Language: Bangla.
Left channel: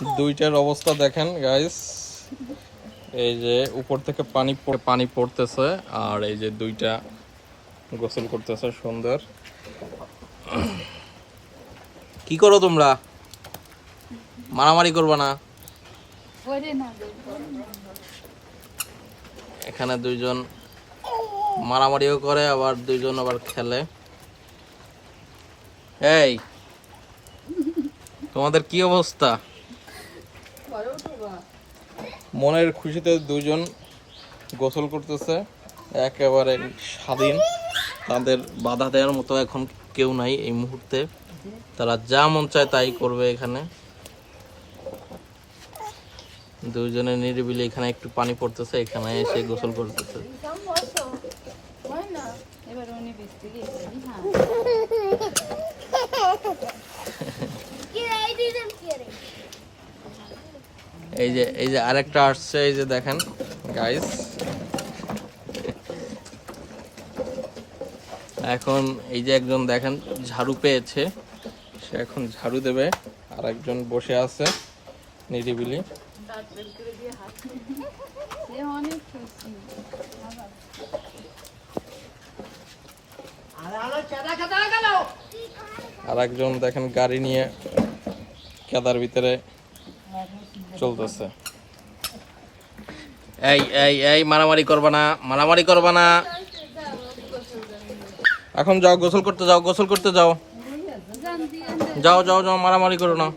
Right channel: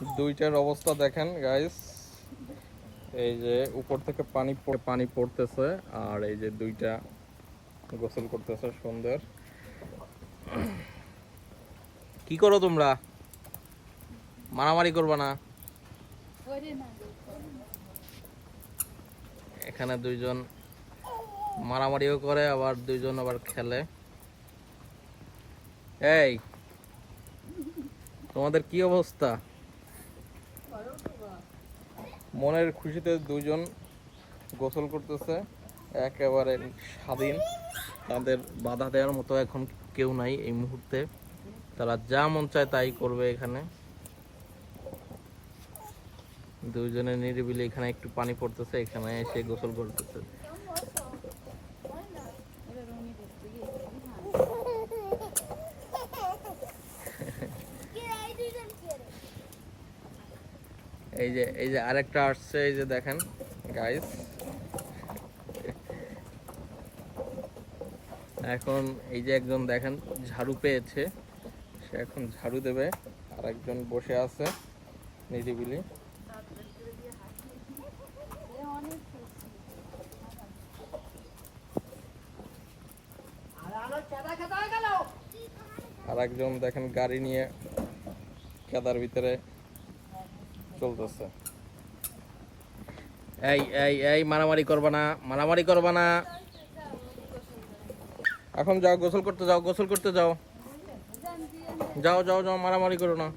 দুইটার অবস্থা দেখেন গাইস, এই যে উপর থেকে পানি পড়তেছে আর এই যে দুইটা গোসল করতেছে সুন্দর। কি করো তোমরা? মারামারি করবা না। এখানে দুইজন মারামারিও করে আবার দুইজন আবার খেলে। এই তোমাদের কি অবস্থা? মনের খুশিতে দুইজন গোসল করতেছে, একেবারে স্বাধীন, তাদের বাধা দেওয়ার মতো এখন কেউ নাই এই মুহূর্তে। তারা যা মন চায় তাই করবে এখানে। দুইজনে নিরিবিলি এখানে একটু পানি পড়তেছে, এখানে এসে গোসল করতেছে। এই যে আরেকটা আসছে, এই যে দেখেন গাইস, এখন এই যে একজন দেখেন ঝাড়ু পেয়েছে, সে এখন ঝাড়ু দেবে। আর একজন বসে আছে নিরিবিলি। আর একজন দেখেন গাড়ি নিয়ে কাদার ভিতরে চলতেছে। এই এই এই মারামারি করবা না, মারামারি করবা না। এখন যাও গোসল করতে যাও, গোসল করতে যাও, যাও যাও যাও, মারামারি করো না।